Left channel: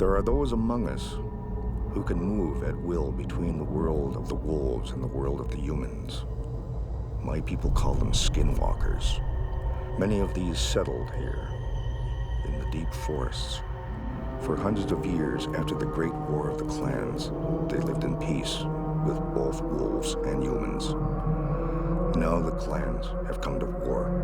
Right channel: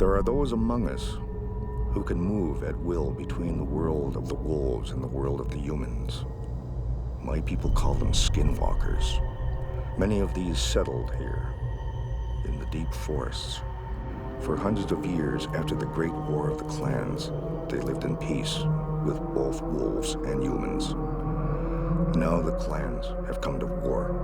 There are those among us who can move at will between the world of the wolves and the world of the humans. My people call them skinwalkers. Many of these settled here in the deep forests. For hundreds of years after the Great War of the Clans, they lived in peace with both wolves and humans. Now the clans have come to war.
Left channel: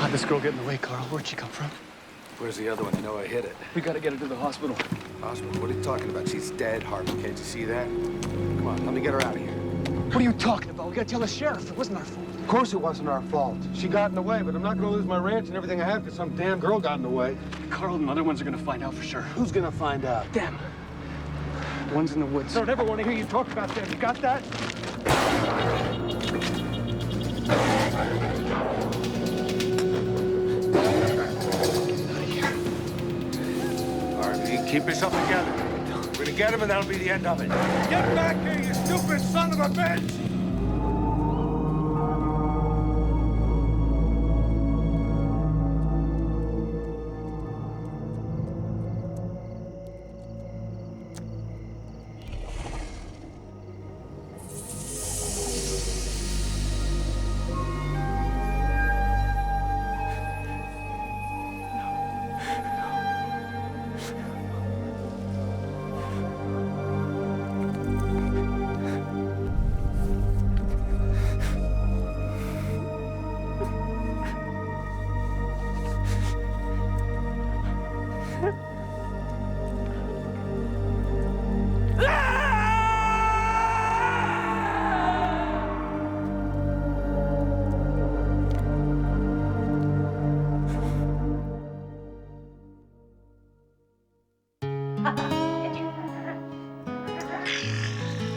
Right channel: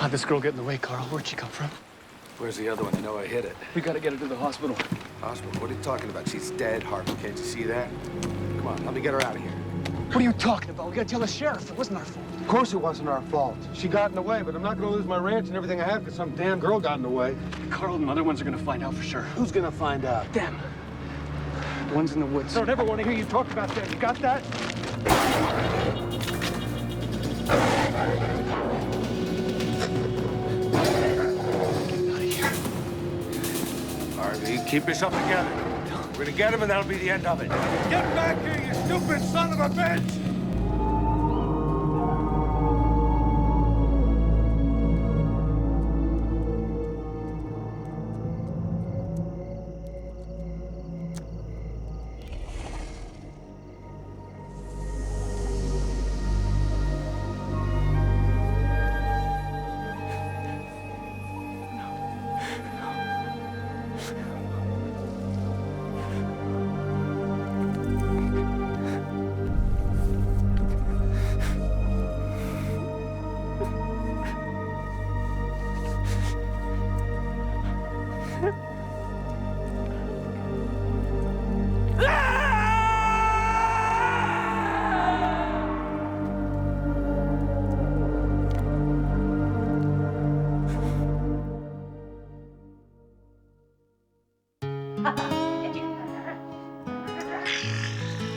How'd this girl get in the way, Carl? Where'd she come from? Where's the other one? You know I hit it. We gotta get her to the hospital. Hospital? What are you talking about? She's dead, Harper. Can't you see that? Come on, let me get her out of here. What are you talking about? We gotta tell the sheriff. It wasn't our fault. Of course it wasn't our fault. She got in the way, but I'm not gonna lose my ranch and everything I have because some damn girl got in the way. Carl and the other ones are gonna find out for sure. Who's gonna find out? Them. The ones in the woods. I don't ever want to hear you talk about them. You got that? Harvey, keep yourself together. We're gonna get him and that'll be the end of it. Get back here, you stupid son of a bitch!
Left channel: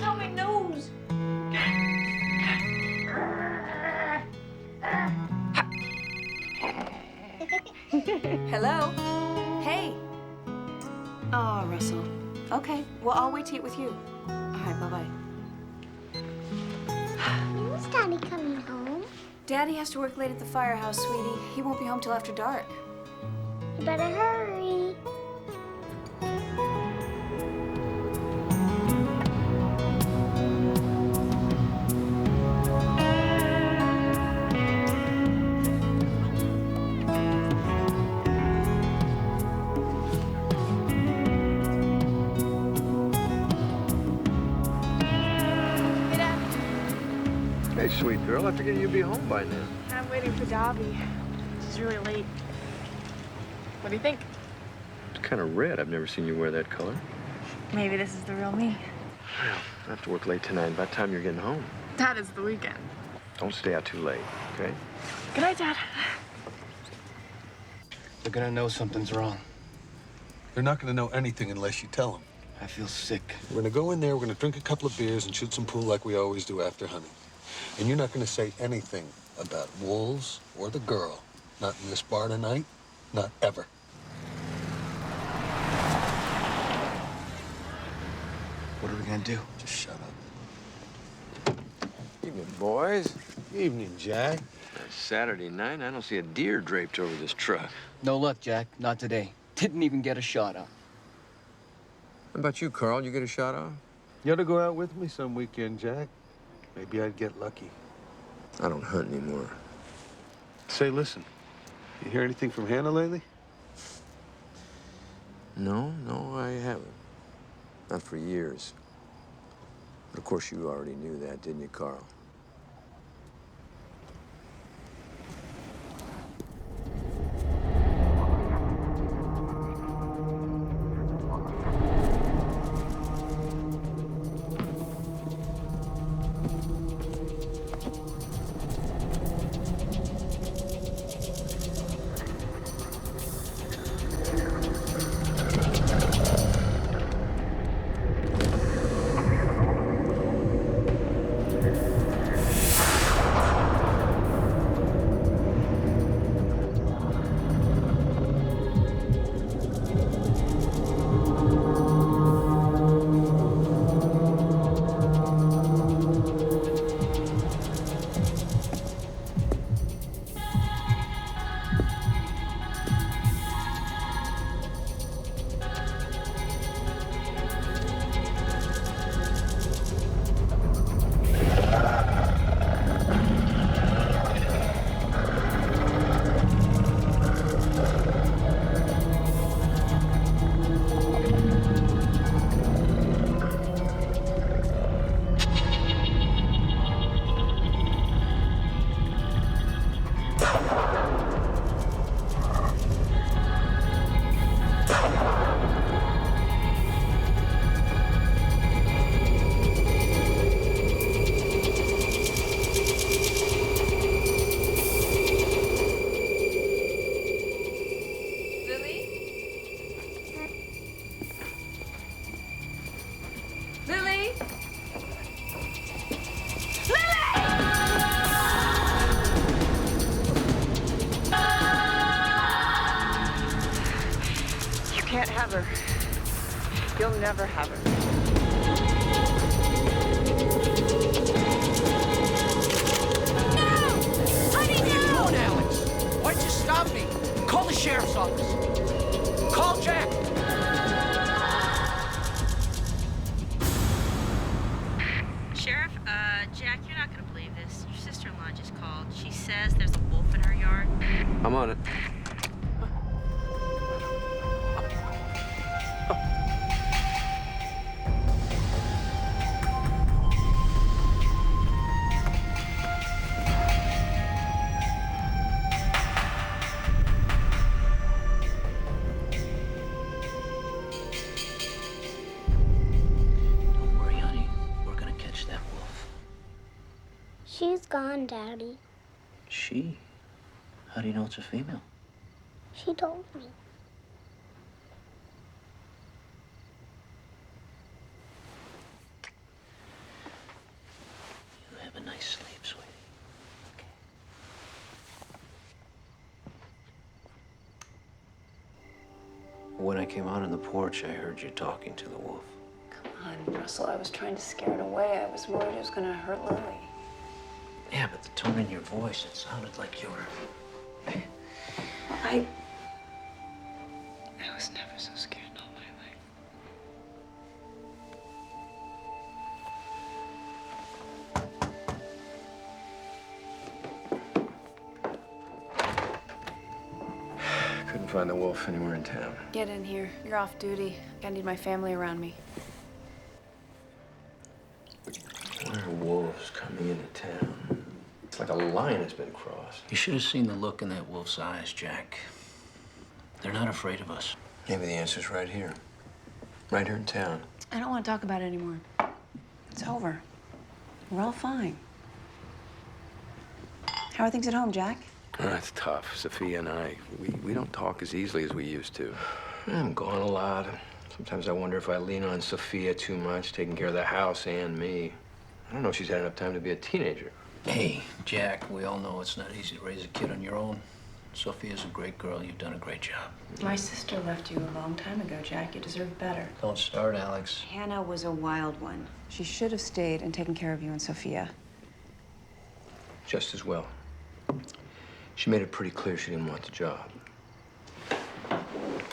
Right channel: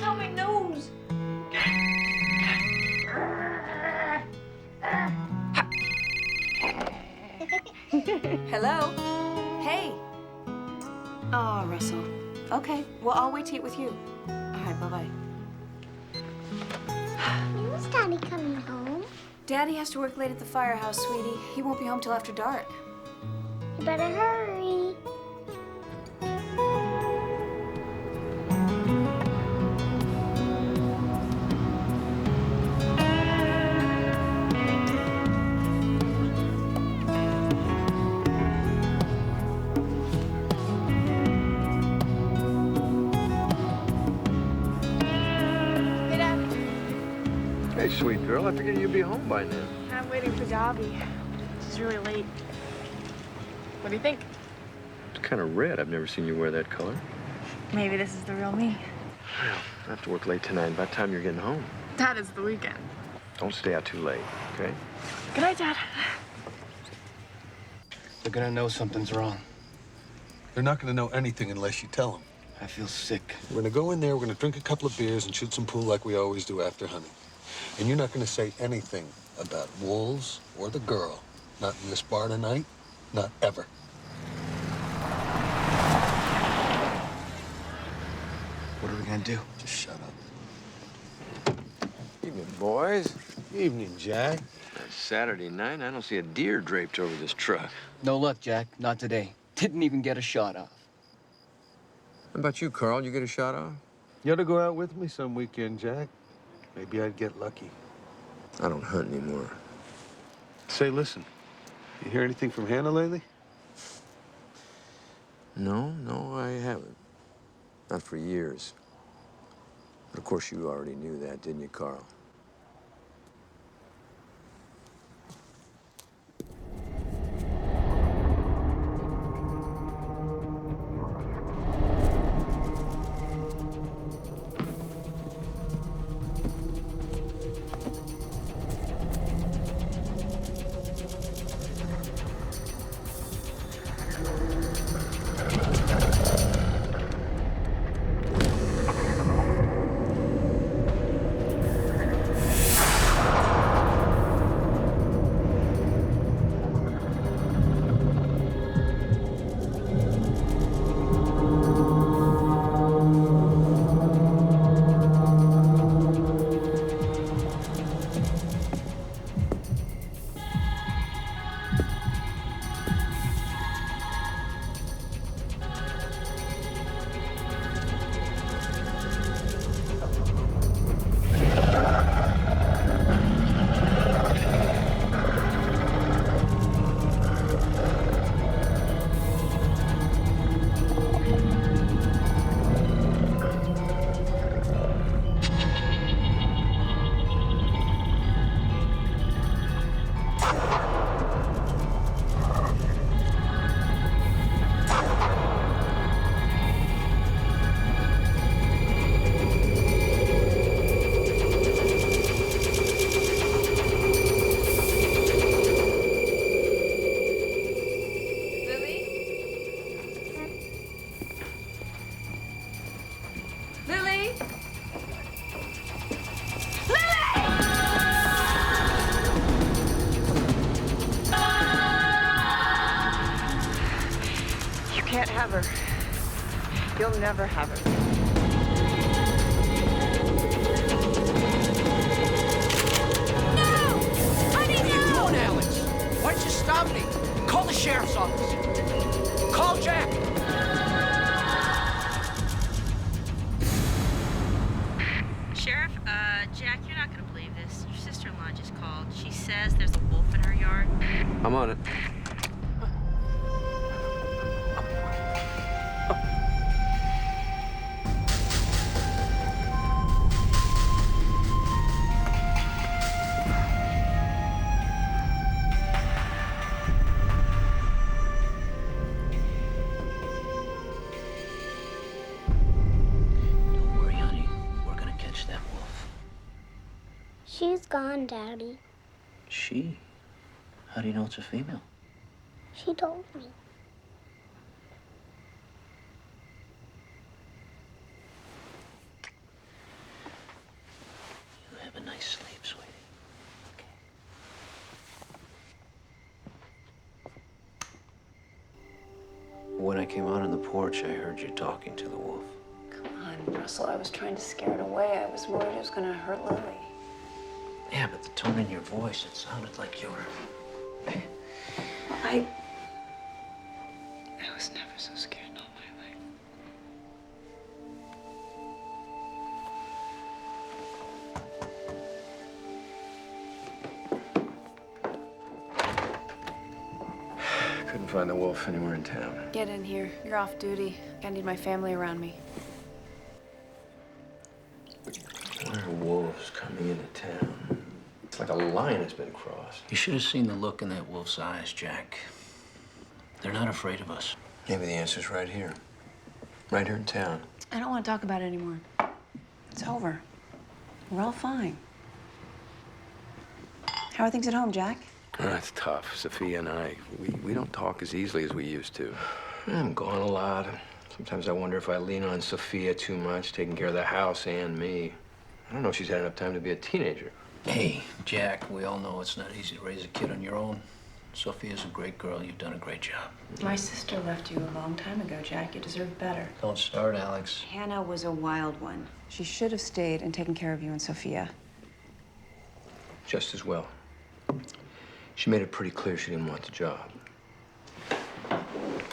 Oh, my nose. Hello? Hey. Oh, Russell. Okay, well, I'll wait to eat with you. All right, bye-bye. When's Daddy coming home? Daddy has to work late at the firehouse, sweetie. He won't be home till after dark. You better hurry. Hey, sweet girl, I figured you'd be home by now. I'm waiting for Dobby. It's really late. What do you think? It's kind of red. I've never seen you wear that color. Maybe this is the real me. Well, I have to work late tonight. By the time you're getting home. That is the weekend. Don't stay out too late, okay? Good night, Dad. They're gonna know something's wrong. They're not gonna know anything unless you tell them. I feel sick. We're gonna go in there, we're gonna drink a couple of beers and shoot some pool like we always do after hunting. And you're not gonna say anything about wolves or the girl. Not in this bar tonight, not ever. What are we gonna do? Just shut up. Evening, boys. Evening, Jack. It's Saturday night, I don't see a deer draped over this truck. No luck, Jack. Not today. Didn't even get a shot off. How about you, Carl? You get a shot off? You ought to go out with me some weekend, Jack. Maybe I'd get lucky. I don't hunt anymore. Say, listen, you hear anything from Hannah lately? No, I haven't. Not for years. But of course, you already knew that, didn't you, Carl? Can't have her. You'll never have her. What are you doing, Alex? Why'd you stop me? Call the sheriff's office. Call Jack. Sheriff, Jack, you're not gonna believe this. Your sister-in-law just called. She says there's a wolf in her yard. I'm on it. She's gone, Daddy. She? How do you know it's a female? She told me. You have a nice sleep, sweetie. Okay. When I came out on the porch, I heard you talking to the wolf. Come on, Russell. I was trying to scare it away. I was worried it was going to hurt Lily. Yeah, but the tone in your voice, it sounded like you were... I was never so scared in all my life. Couldn't find the wolf anywhere in town. Get in here. You're off duty. I need my family around me. Why are wolves coming into town? It's like a line has been crossed. You should have seen the look in that wolf's eyes, Jack. They're not afraid of us. Maybe the answer's right here. Right here in town. I don't want to talk about it anymore. It's over. We're all fine. How are things at home, Jack? It's tough. Sophia and I, we don't talk as easily as we used to. I'm gone a lot. Sometimes I wonder if I lean on Sophia too much, taking care of the house and me. I don't know if she's had enough time to be a teenager. Hey, Jack, we all know it's not easy to raise a kid on your own. Sophia's a great girl. You've done a great job. My sister left you a long time ago, Jack. You deserve better. Don't start, Alex. Hannah was a wild one. She should have stayed and taken care of you and Sophia. Just as well. She made it pretty clear she didn't want the job.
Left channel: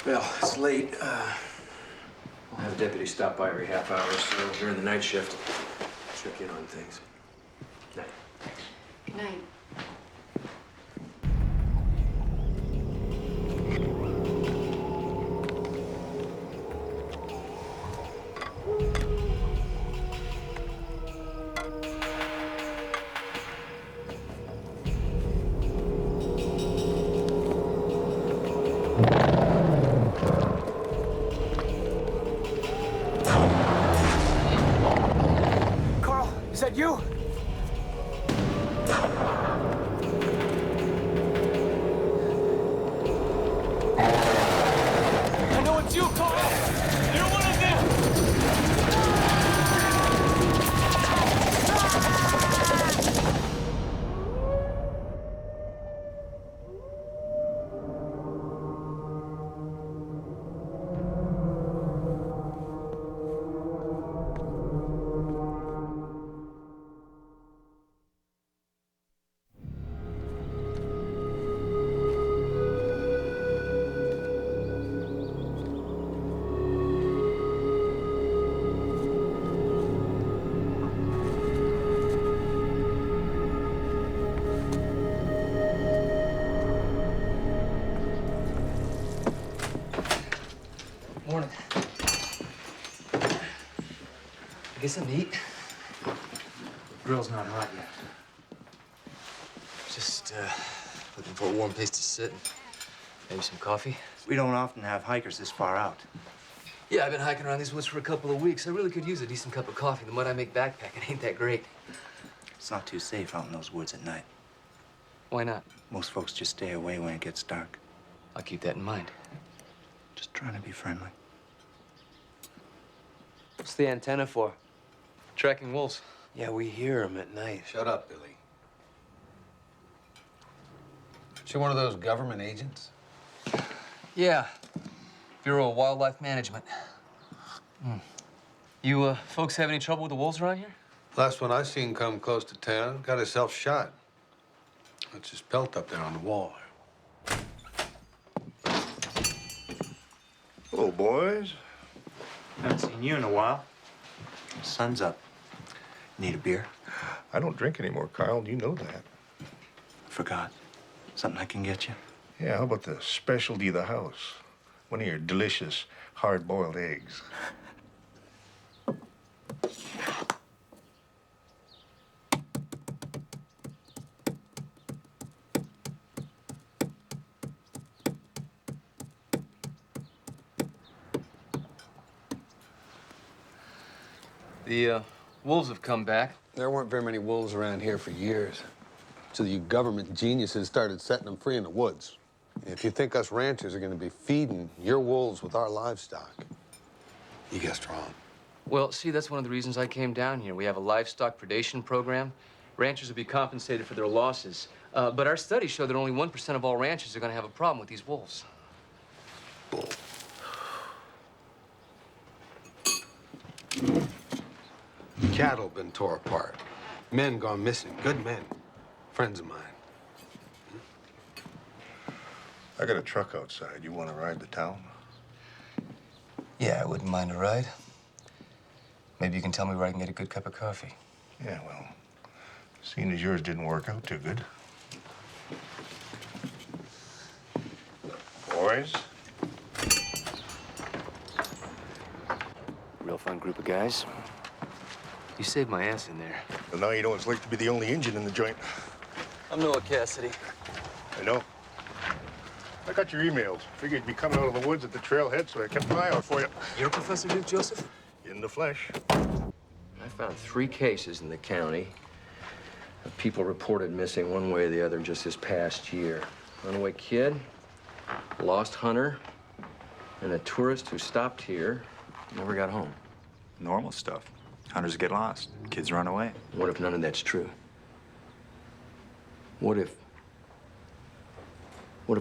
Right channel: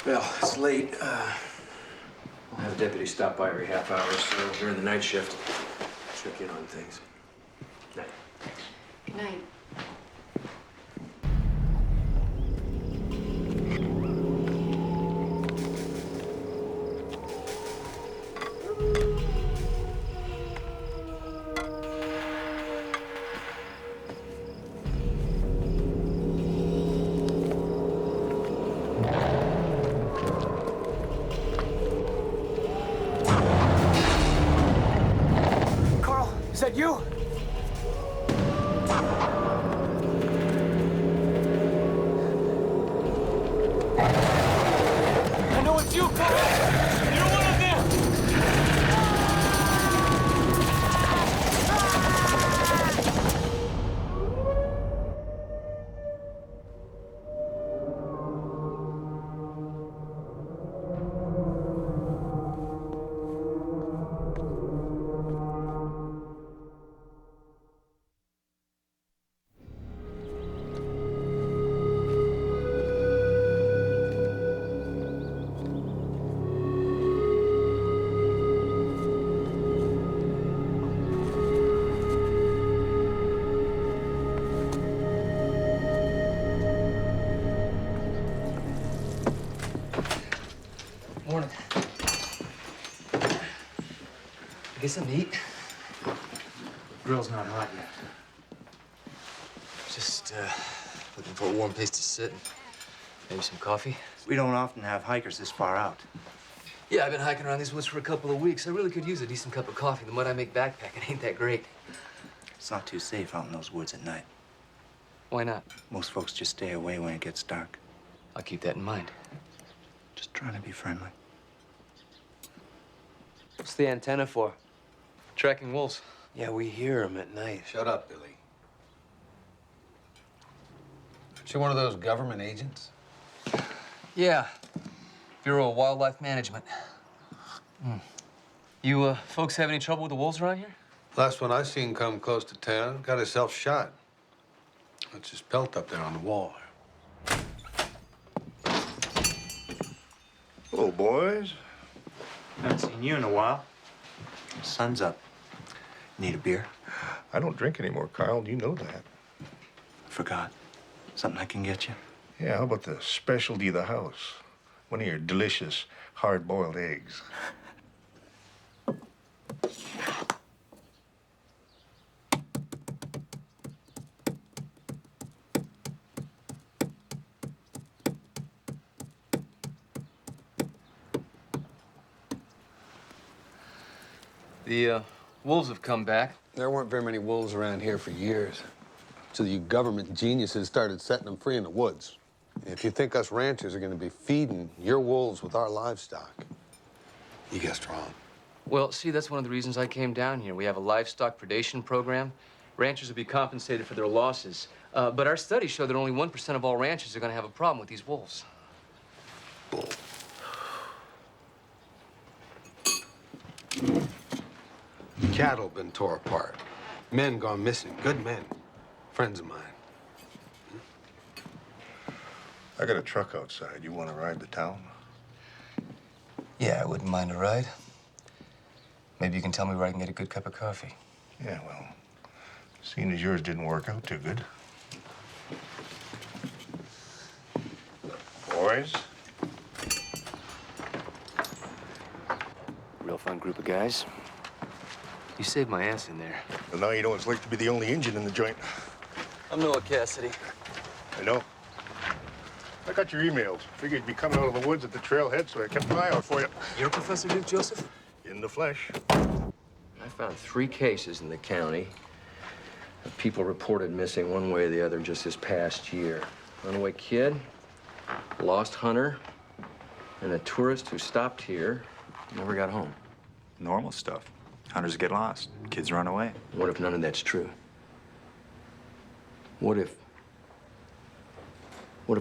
Well, it's late. We'll have a deputy stop by every half hour or so during the night shift. Check in on things. Night. Good night. Carl, is that you? I know it's you, Carl! You're one of them! Morning. Get something to eat? Grill's not hot yet. Just looking for a warm place to sit. Maybe some coffee. We don't often have hikers this far out. Yeah, I've been hiking around these woods for a couple of weeks. I really could use a decent cup of coffee. The mud I make backpacking ain't that great. It's not too safe out in those woods at night. Why not? Most folks just stay away when it gets dark. I'll keep that in mind. Just trying to be friendly. What's the antenna for? Tracking wolves. Yeah, we hear them at night. Shut up, Billy. She one of those government agents? Yeah. Bureau of Wildlife Management. You folks have any trouble with the wolves around here? Last one I seen come close to town got herself shot. That's his pelt up there on the wall. Hello, boys. Haven't seen you in a while. Sun's up. Need a beer? I don't drink anymore, Kyle. You know that. Forgot. Something I can get you? Yeah, how about the specialty of the house? One of your delicious hard-boiled eggs. The wolves have come back. There weren't very many wolves around here for years. So you government geniuses started setting them free in the woods. If you think us ranchers are going to be feeding your wolves with our livestock, you guessed wrong. Well, see, that's one of the reasons I came down here. We have a livestock predation program. Ranchers will be compensated for their losses. But our studies show that only 1% of all ranchers are going to have a problem with these wolves. Bull. Cattle been tore apart. Men gone missing. Good men. Friends of mine. I got a truck outside. You want to ride to town? Yeah, I wouldn't mind a ride. Maybe you can tell me where I can get a good cup of coffee. Yeah, well, seeing as yours didn't work out too good. Boys? Real fun group of guys. You saved my ass in there. Well, now you know what it's like to be the only engine in the joint. I'm Noah Cassidy. I know. I got your emails. Figured you'd be coming out of the woods at the trailhead, so I kept an eye out for you. You're Professor Duke Joseph? In the flesh. I found 3 cases in the county of people reported missing one way or the other just this past year. Runaway kid, lost hunter, and a tourist who stopped here, never got home. Normal stuff. Hunters get lost. Kids run away. What if none of that's true? What if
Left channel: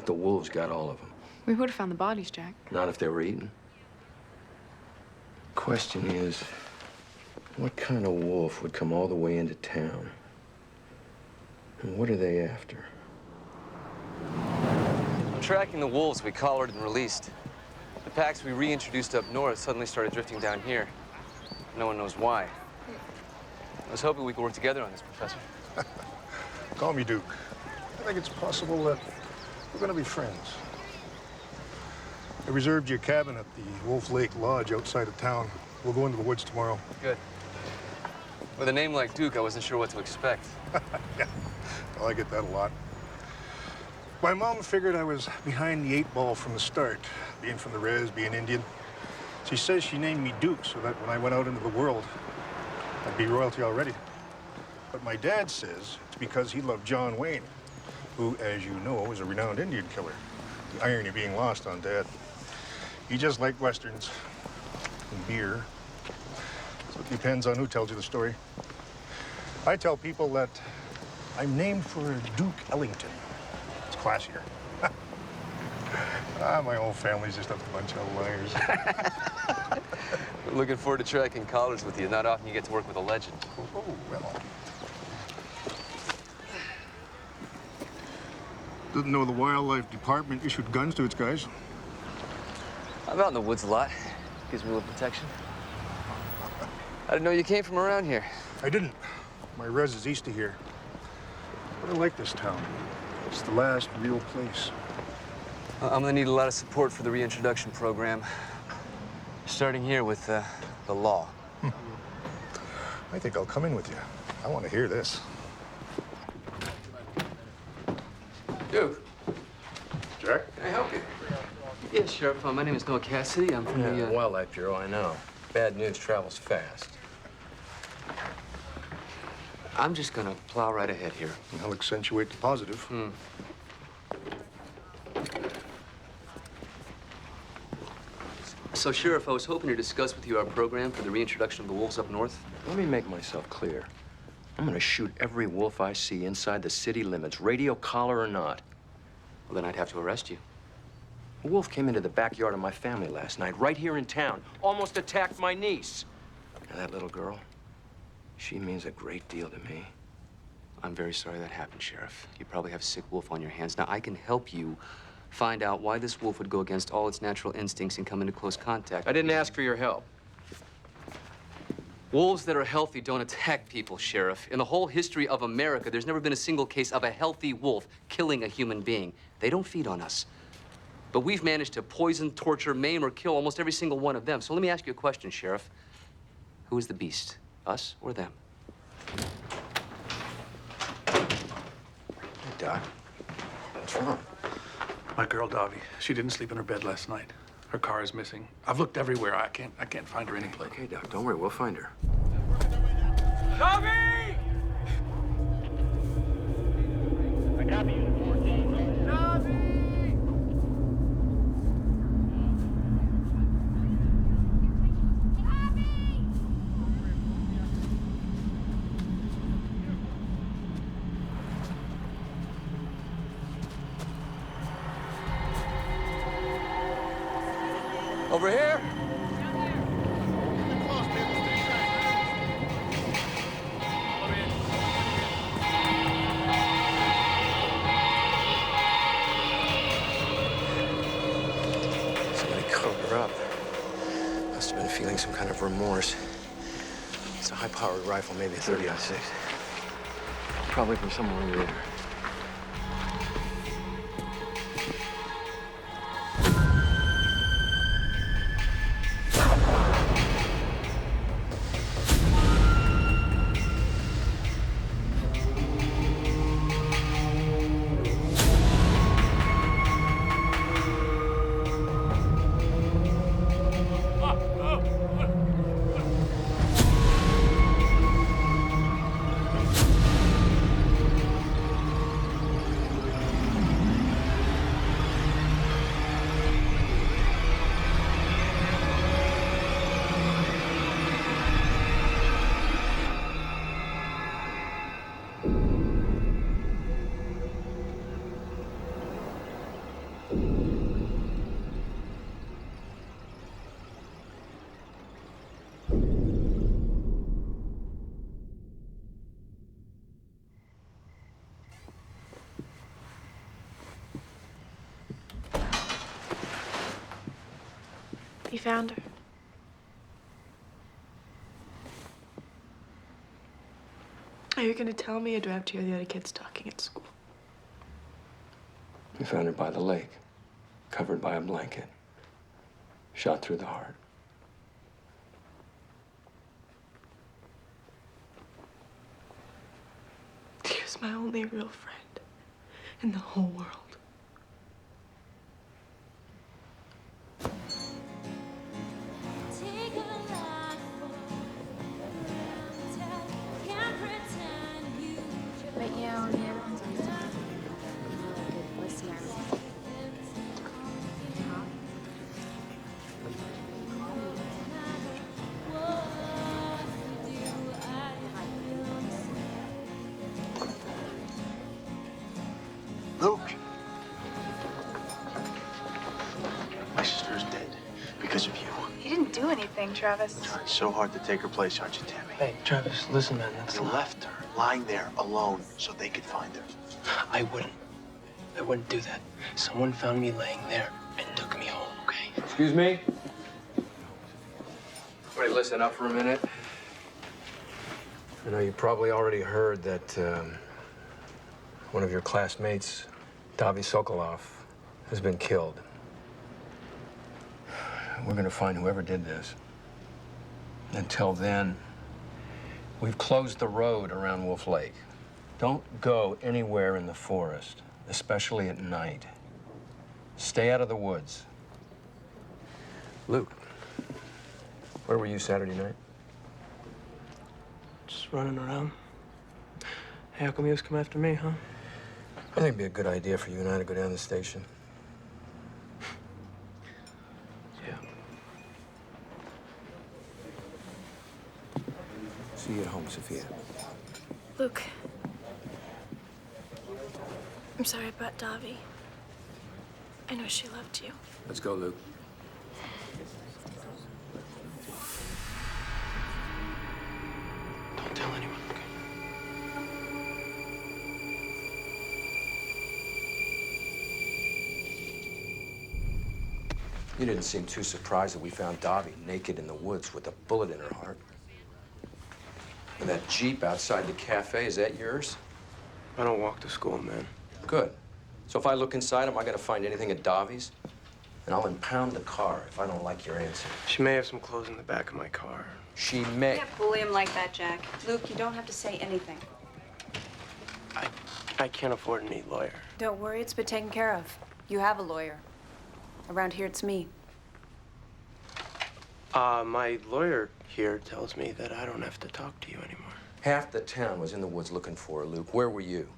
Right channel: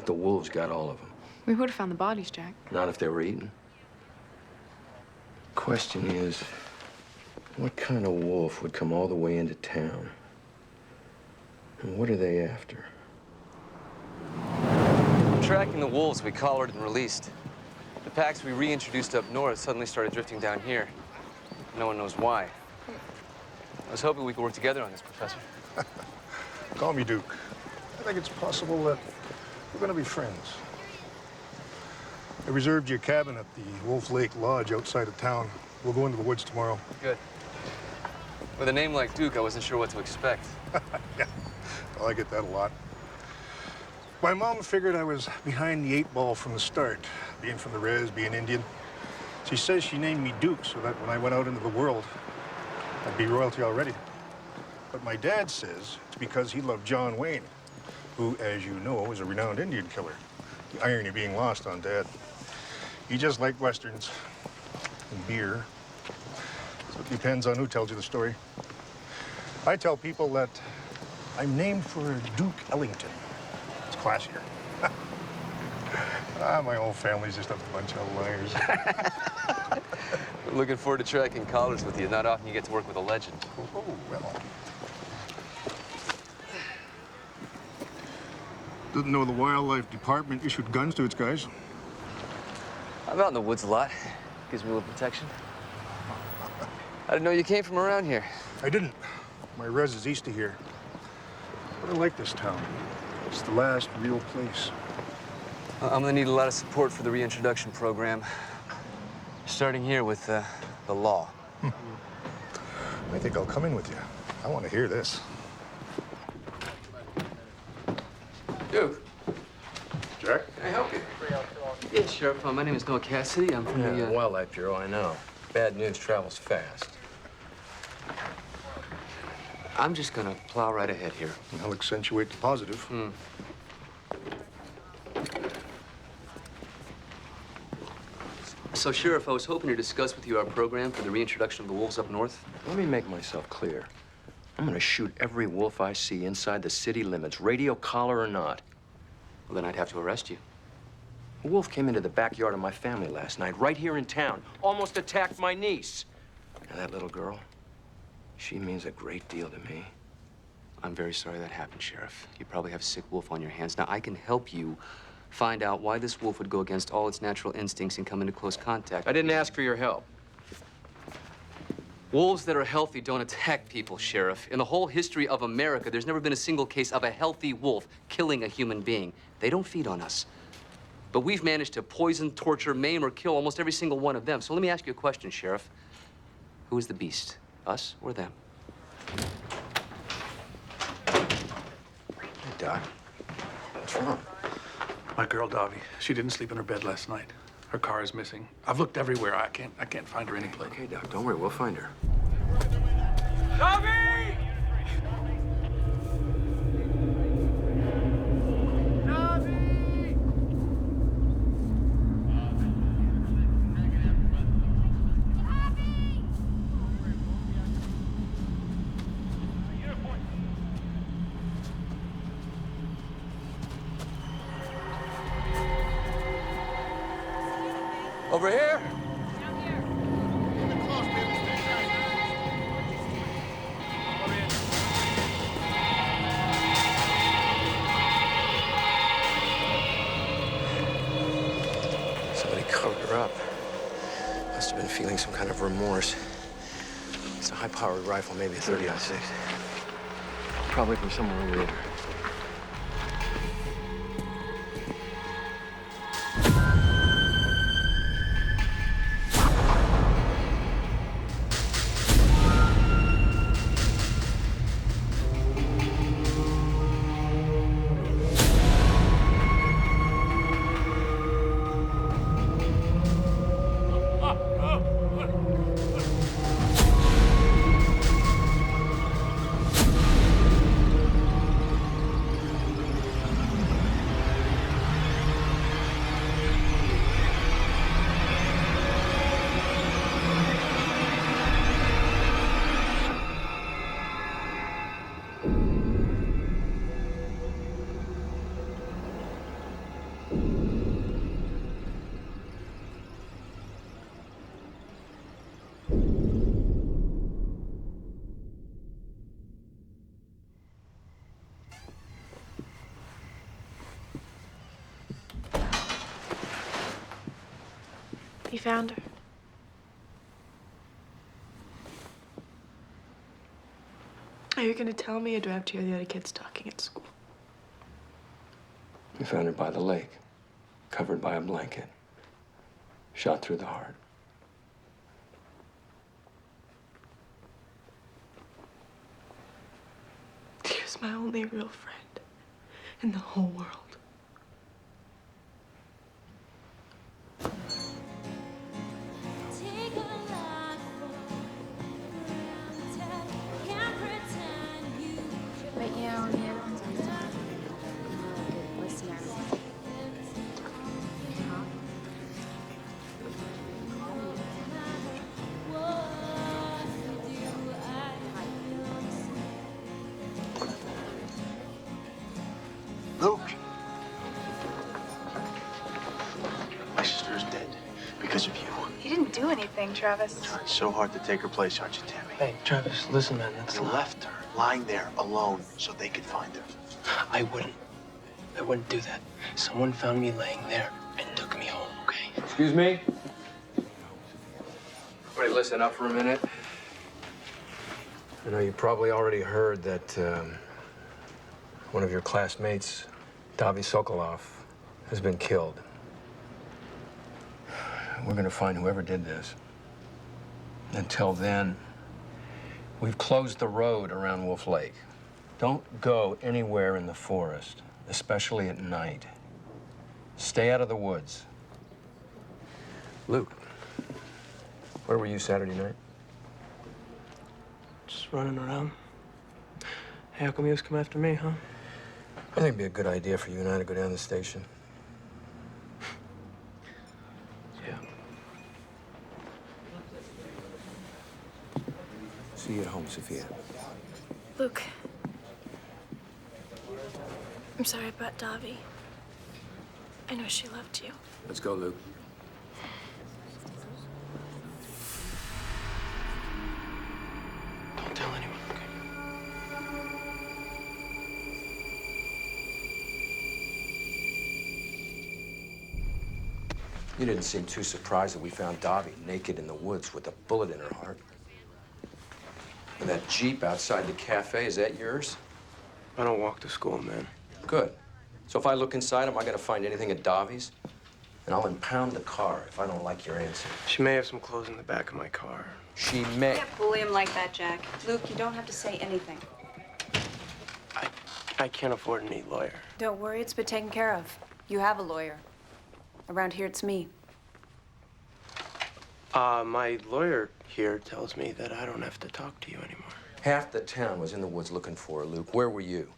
the wolves got all of them? We would have found the bodies, Jack. Not if they were eaten. Question is, what kind of wolf would come all the way into town? And what are they after? Tracking the wolves we collared and released. The packs we reintroduced up north suddenly started drifting down here. No one knows why. I was hoping we could work together on this, Professor. Call me Duke. I think it's possible that we're going to be friends. I reserved you a cabin at the Wolf Lake Lodge outside of town. We'll go into the woods tomorrow. Good. With a name like Duke, I wasn't sure what to expect. Yeah, well, I get that a lot. My mom figured I was behind the 8 ball from the start, being from the res, being Indian. She says she named me Duke so that when I went out into the world, I'd be royalty already. But my dad says it's because he loved John Wayne, who, as you know, was a renowned Indian killer. The irony being lost on Dad. He just liked Westerns and beer. So it depends on who tells you the story. I tell people that I'm named for Duke Ellington. It's classier. My whole family's just a bunch of liars. Looking forward to tracking collars with you. Not often you get to work with a legend. Oh, well. Didn't know the wildlife department issued guns to its guys. I'm out in the woods a lot. Gives me a little protection. I didn't know you came from around here. I didn't. My res is east of here. But I like this town. It's the last real place. I'm gonna need a lot of support for the reintroduction program. Starting here with the law. I think I'll come in with you. I want to hear this. Duke. Jack? Can I help you? Yes, Sheriff. My name is Noah Cassidy. I'm from the Wildlife Bureau, I know. Bad news travels fast. I'm just gonna plow right ahead here. I'll accentuate the positive. So, Sheriff, I was hoping to discuss with you our program for the reintroduction of the wolves up north. Let me make myself clear. I'm gonna shoot every wolf I see inside the city limits, radio collar or not. Well, then I'd have to arrest you. A wolf came into the backyard of my family last night, right here in town. Almost attacked my niece. Now, that little girl, she means a great deal to me. I'm very sorry that happened, Sheriff. You probably have a sick wolf on your hands. Now, I can help you find out why this wolf would go against all its natural instincts and come into close contact. I didn't ask for your help. Wolves that are healthy don't attack people, Sheriff. In the whole history of America, there's never been a single case of a healthy wolf killing a human being. They don't feed on us. But we've managed to poison, torture, maim, or kill almost every single one of them. So let me ask you a question, Sheriff. Who is the beast, us or them? Hey, Doc. What's wrong? My girl, Dobby, she didn't sleep in her bed last night. Her car is missing. I've looked everywhere. I can't find her anyplace. Okay, Doc, don't worry. We'll find her. Dobby! Over here? Somebody covered her up. Must have been feeling some kind of remorse. It's a high-powered rifle, maybe a 30-06. Probably from somewhere over there. He found her. Are you gonna tell me, or do I have to hear the other kids talking at school? We found her by the lake, covered by a blanket, shot through the heart. She was my only real friend in the whole world. But you know, Luke! My sister's dead because of you. He didn't do anything, Travis. Trying so hard to take her place, aren't you, Tammy? Hey, Travis, listen, man. You left her lying there alone so they could find her. I wouldn't do that. Someone found me laying there and took me home, okay? Excuse me? Everybody listen up for a minute. I know you probably already heard that one of your classmates, Davy Sokolov, has been killed. We're gonna find whoever did this. Until then, we've closed the road around Wolf Lake. Don't go anywhere in the forest, especially at night. Stay out of the woods. Luke, where were you Saturday night? Just running around. Hey, how come you always come after me, huh? I think it'd be a good idea for you and I to go down to the station. Yeah. See you at home, Sophia. Luke. I'm sorry about Davi. I know she loved you. Let's go, Luke. Don't tell anyone, okay? You didn't seem too surprised that we found Davi naked in the woods with a bullet in her heart. And that Jeep outside the cafe, is that yours? I don't walk to school, man. Good. So if I look inside, am I gonna find anything at Davi's? And I'll impound the car if I don't like your answer. She may have some clothes in the back of my car. She may. You can't bully him like that, Jack. Luke, you don't have to say anything. I can't afford any lawyer. Don't worry, it's been taken care of. You have a lawyer. Around here, it's me. My lawyer here tells me that I don't have to talk to you anymore. Half the town was in the woods looking for her, Luke. Where were you?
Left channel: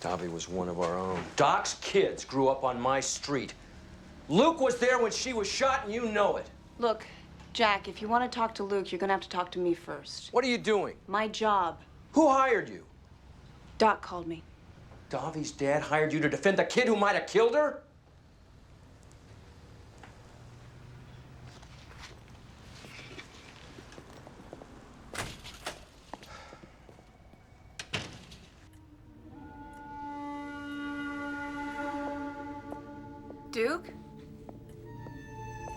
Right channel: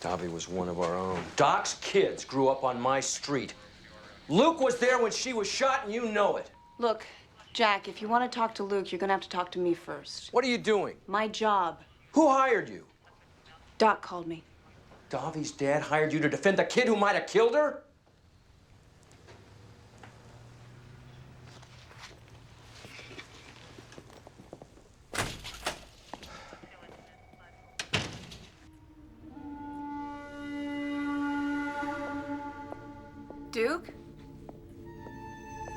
Davi was one of our own. Doc's kids grew up on my street. Luke was there when she was shot, and you know it. Look, Jack, if you want to talk to Luke, you're gonna have to talk to me first. What are you doing? My job. Who hired you? Doc called me. Davi's dad hired you to defend the kid who might have killed her? Duke?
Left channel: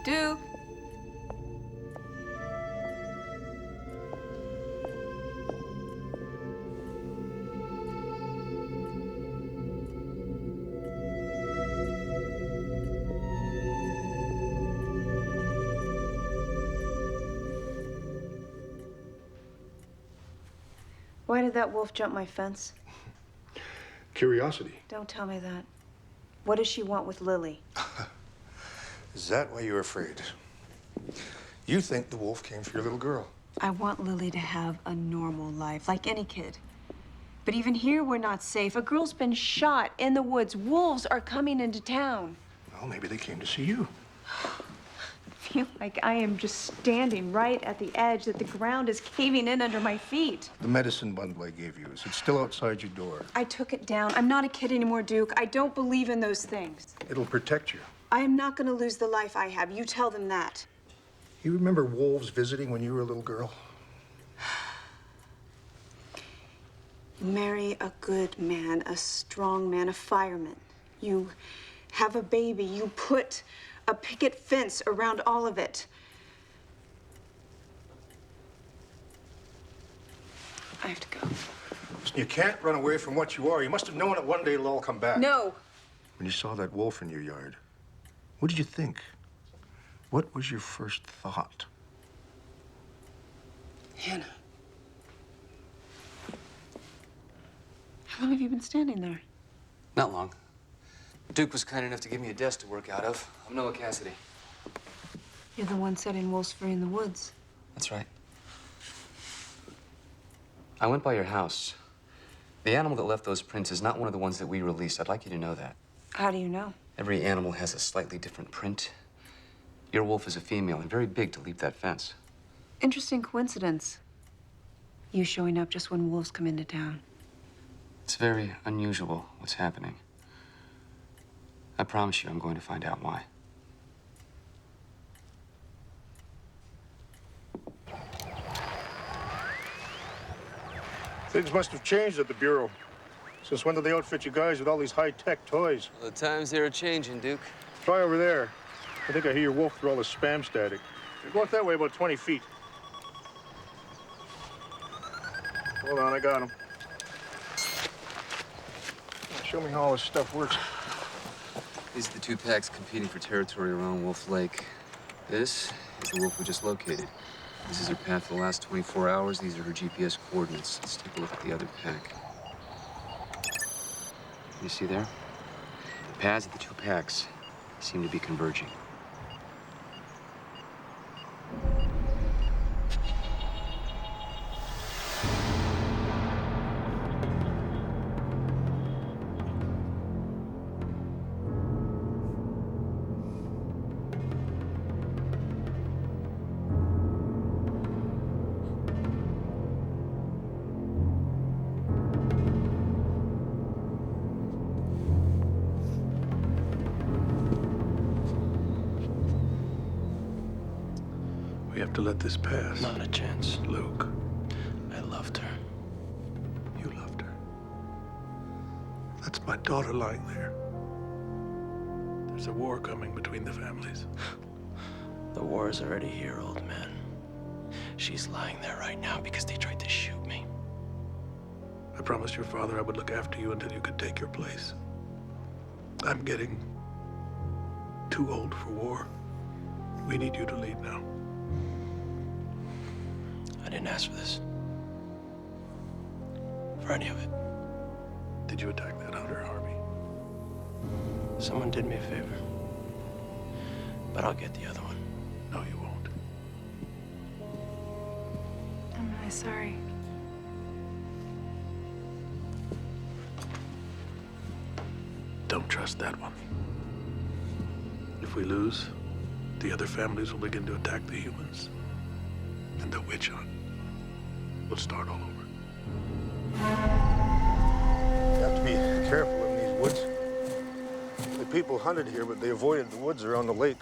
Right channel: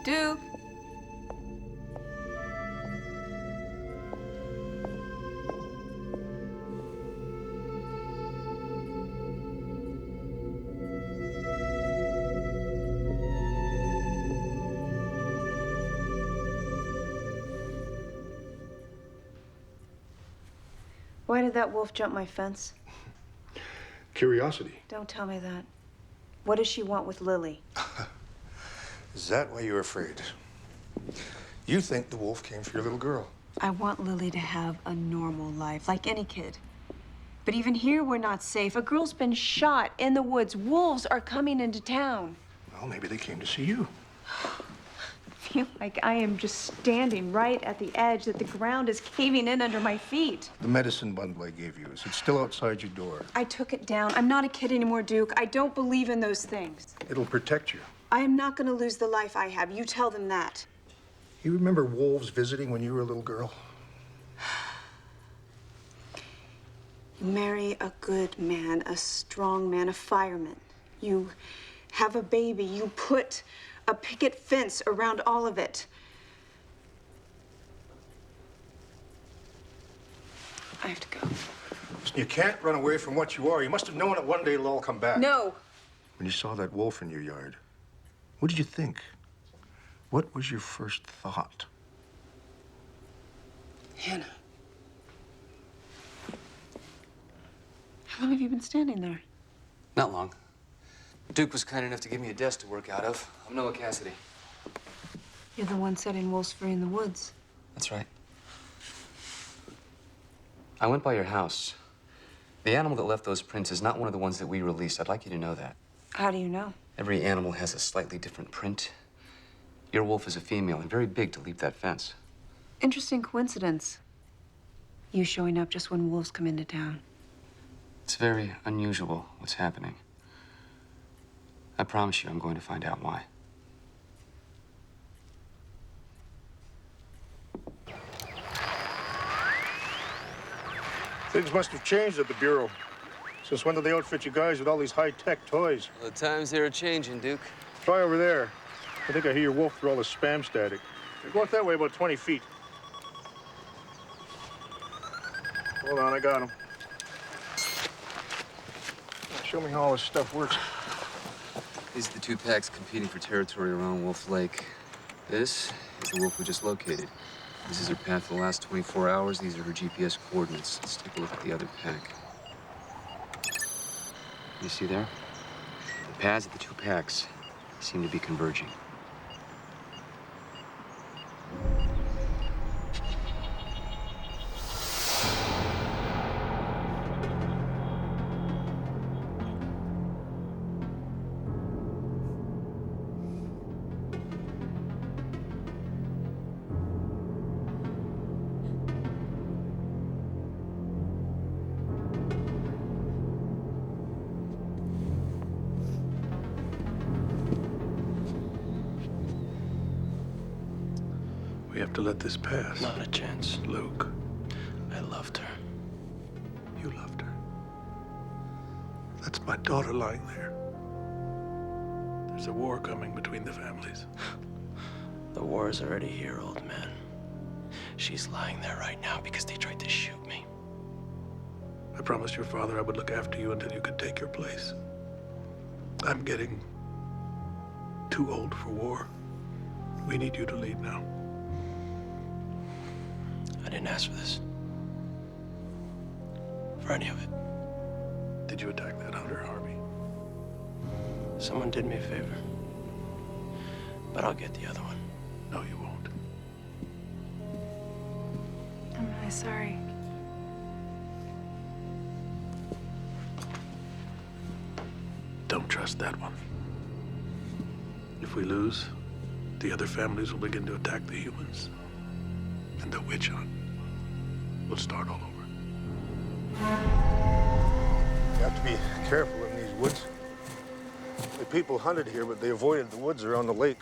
Duke? Why did that wolf jump my fence? Curiosity. Don't tell me that. What does she want with Lily? Is that why you're afraid? You think the wolf came for your little girl. I want Lily to have a normal life, like any kid. But even here, we're not safe. A girl's been shot in the woods. Wolves are coming into town. Well, maybe they came to see you. I feel like I am just standing right at the edge, that the ground is caving in under my feet. The medicine bundle I gave you, is it still outside your door? I took it down. I'm not a kid anymore, Duke. I don't believe in those things. It'll protect you. I am not going to lose the life I have. You tell them that. You remember wolves visiting when you were a little girl? Marry a good man, a strong man, a fireman. You have a baby. You put a picket fence around all of it. I have to go. Listen, you can't run away from what you are. You must have known that one day it'll all come back. No. When you saw that wolf in your yard, what did you think? What was your first thought? Hannah. How long have you been standing there? Not long. Duke was kind enough to give me a desk to work out of. I'm Noah Cassidy. You're the one setting wolves free in the woods. That's right. I went by your house. The animal that left those prints is not one of the ones that we released. I'd like you to know that. How do you know? Every animal has a slightly different print. Your wolf is a female and very big to leap that fence. Interesting coincidence. You showing up just when wolves come into town. It's very unusual what's happening. I promise you I'm going to find out why. Things must have changed at the Bureau. Since when did they outfit you guys with all these high-tech toys? Well, the times they are changing, Duke. Try over there. I think I hear your wolf through all the spam static. Go out that way about 20 feet. Hold on, I got him. Show me how all this stuff works. These are the two packs competing for territory around Wolf Lake. This is the wolf we just located. This is her path for the last 24 hours. These are her GPS coordinates. Let's take a look at the other pack. You see there? The paths of the two packs seem to be converging. We have to let this pass. Not a chance. Luke. I loved her. You loved her. That's my daughter lying there. There's a war coming between the families. The war is already here, old man. She's lying there right now because they tried to shoot me. I promised your father I would look after you until you could take your place. I'm getting too old for war. We need you to lead now. I didn't ask for this. For any of it. Did you attack that hunter, Harvey? Someone did me a favor. But I'll get the other one. No, you won't. I'm really sorry. Don't trust that one. If we lose, the other families will begin to attack the humans. And the witch hunt will start all over. You have to be careful in these woods. The people hunted here, but they avoided the woods around the lake.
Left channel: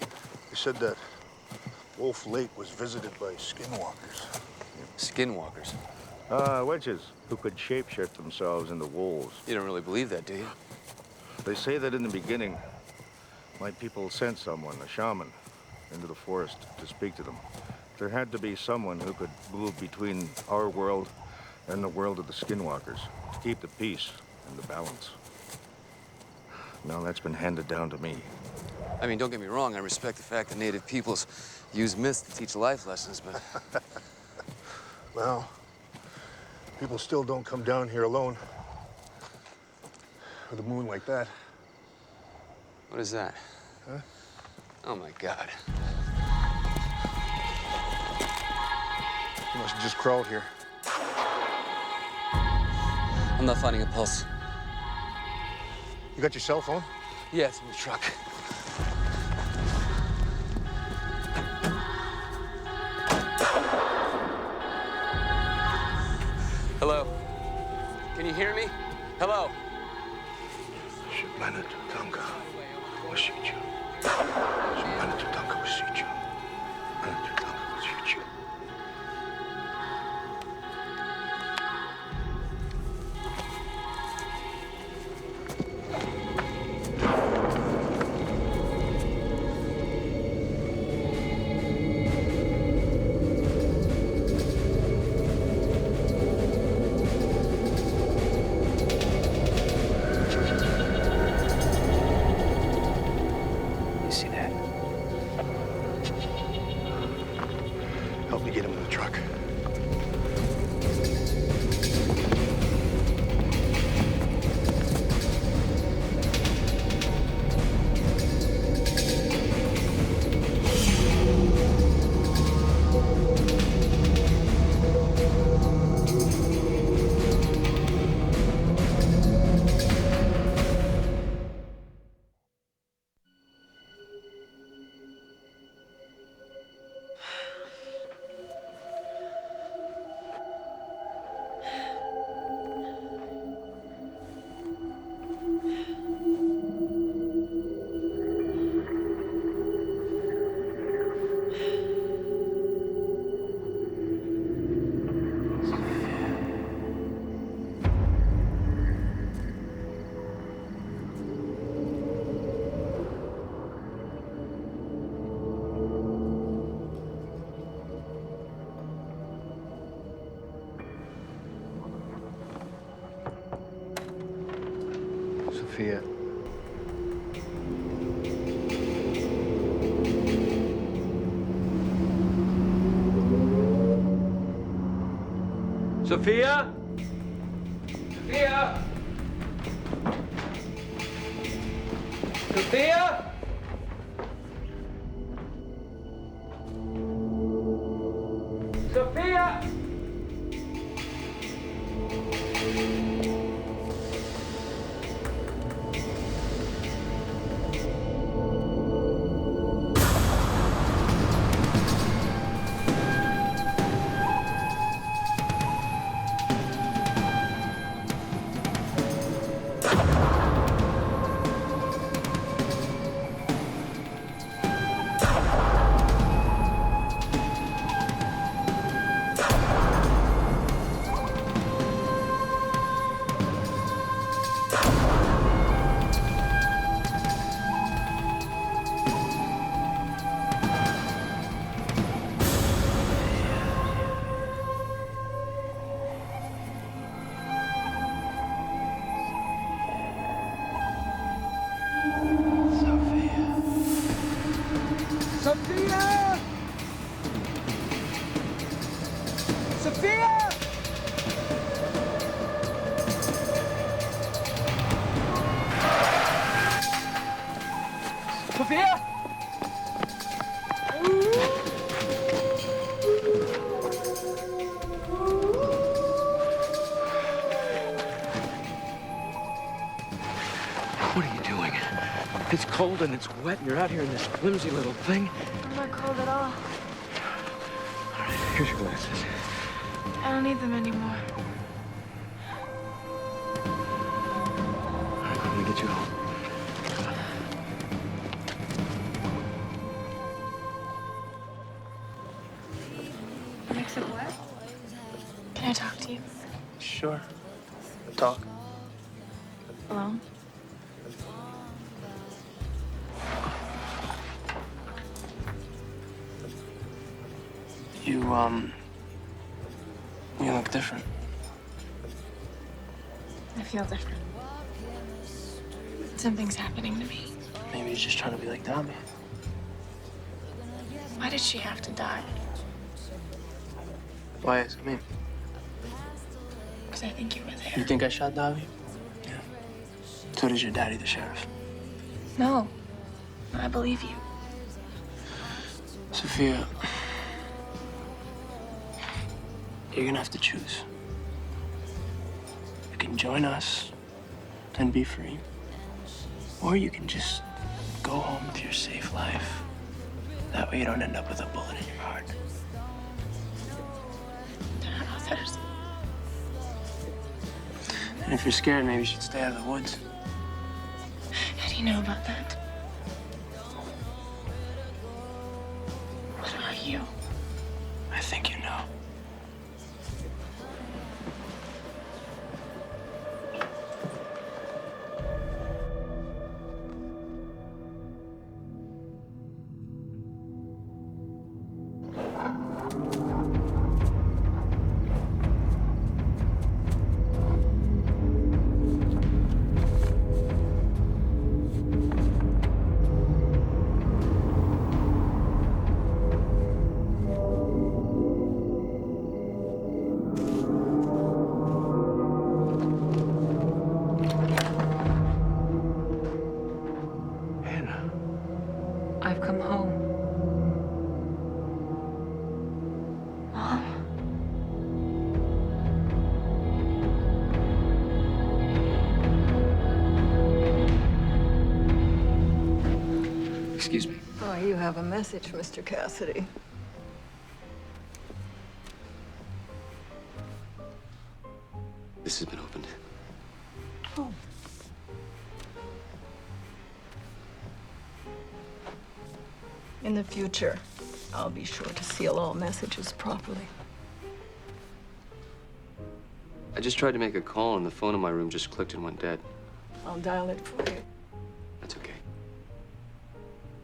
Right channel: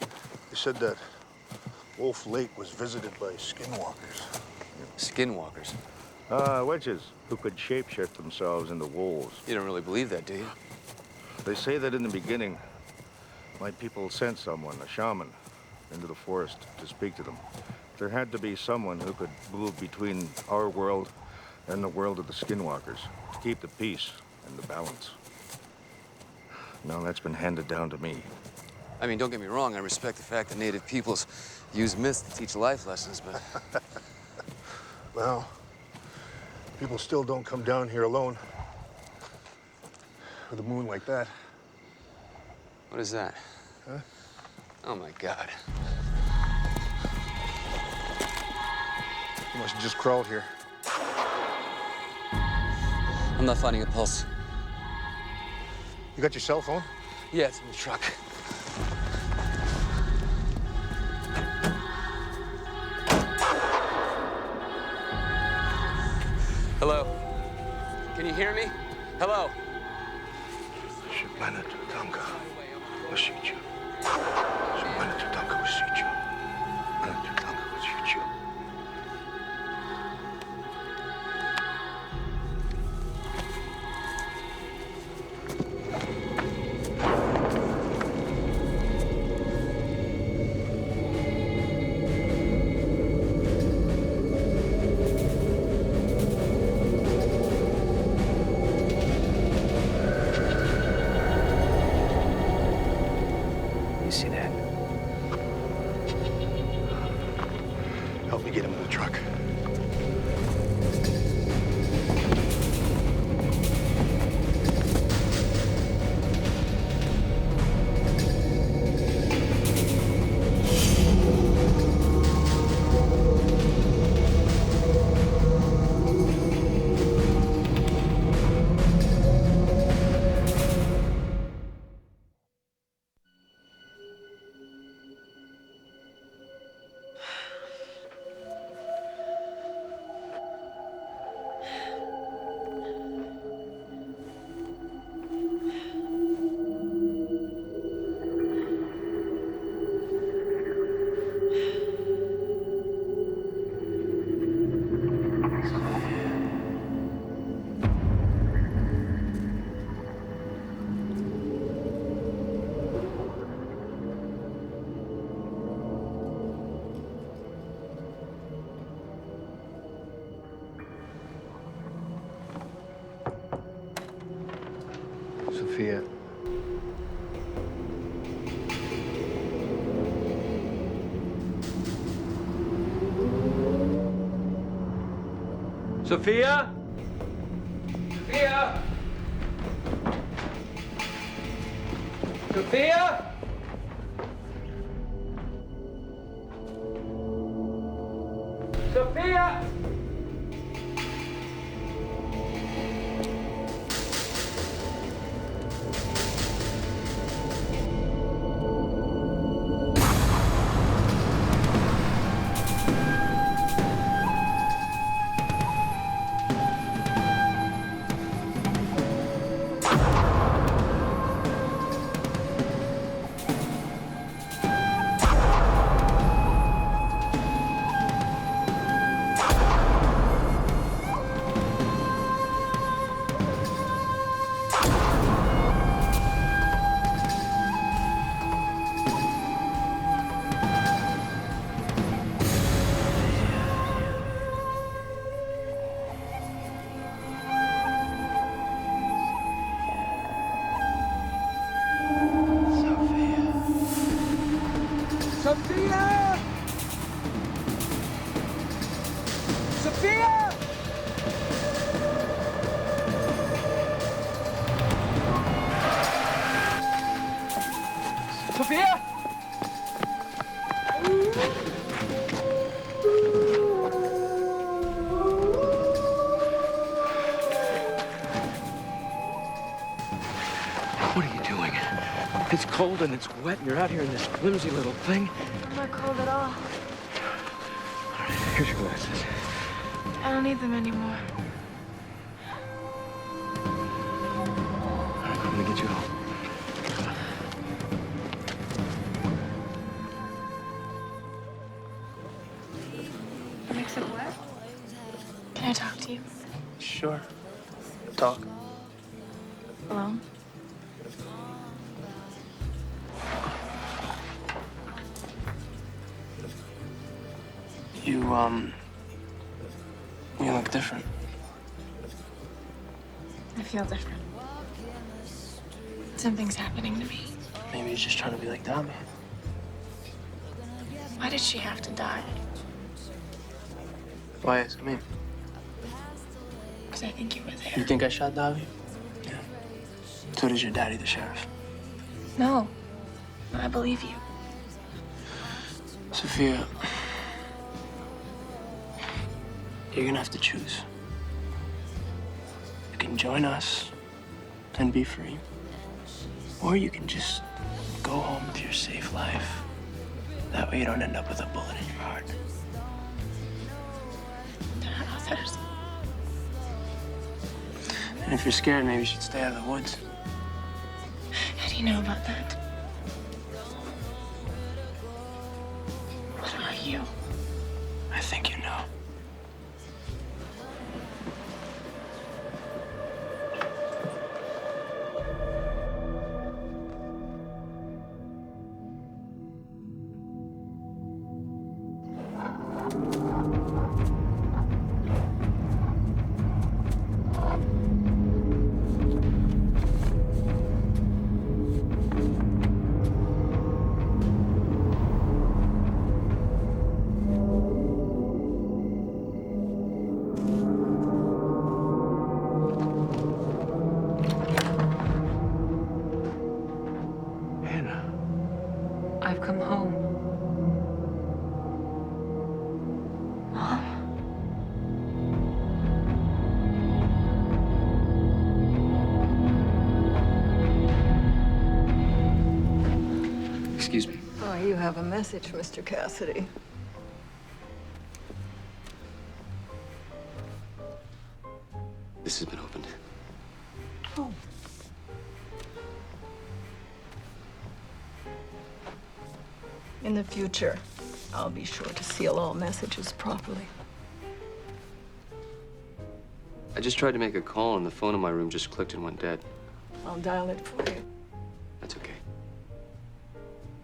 They said that Wolf Lake was visited by skinwalkers. Skinwalkers? Witches who could shapeshift themselves into wolves. You don't really believe that, do you? They say that in the beginning, my people sent someone, a shaman, into the forest to speak to them. There had to be someone who could move between our world and the world of the skinwalkers to keep the peace and the balance. Now that's been handed down to me. I mean, don't get me wrong, I respect the fact that native peoples use myths to teach life lessons, but... Well, people still don't come down here alone. With a moon like that. What is that? Huh? Oh, my God. You must have just crawled here. I'm not finding a pulse. You got your cell phone? Yeah, it's in the truck. Hello? Can you hear me? Hello? Shipmana Tutanka Wasichu. Shipmana Tutanka Wasichu. you see that? Help me get him in the truck. Sophia. Sophia? Sophia? Sophia? Sophia? Sophia! Sophia! Sophia! What are you doing? It's cold and it's wet and you're out here in this flimsy little thing. I'm not cold at all. All right, here's your glasses. I don't need them anymore. All right, I'm gonna get you home. Come on. Mix of what? Can I talk to you? Sure. Talk. Alone? You look different. I feel different. Something's happening to me. Maybe he's just trying to be like Dobby. Why did she have to die? Why is I mean, Because I think you were there. you think I shot Dobby? Yeah. So does your daddy, the sheriff. No. I believe you. Sophia, you're gonna have to choose. You can join us and be free, or you can just go home to your safe life. That way you don't end up with a bullet in your heart. There are others. And if you're scared, maybe you should stay out of the woods. How do you know about that? What are you? I think you know. Anna. I've come home. Mom? Excuse me. Oh, you have a message, Mr. Cassidy. This has been opened. Oh. In the future, I'll be sure to seal all messages properly. I just tried to make a call and the phone in my room just clicked and went dead. I'll dial it for you. That's okay.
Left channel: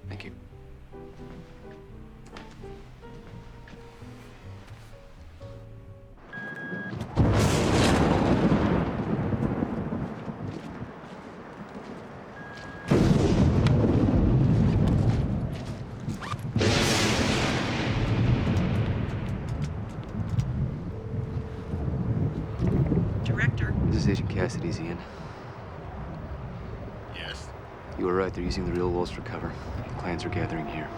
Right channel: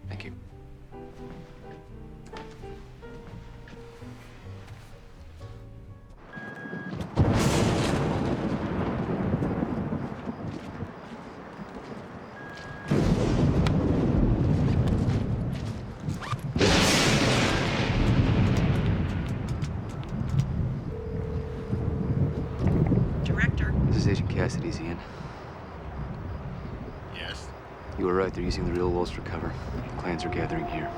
Thank you. This is Agent Cassidy's, Ian. Yes? You were right. They're using the real wolves for cover. Clans are gathering here.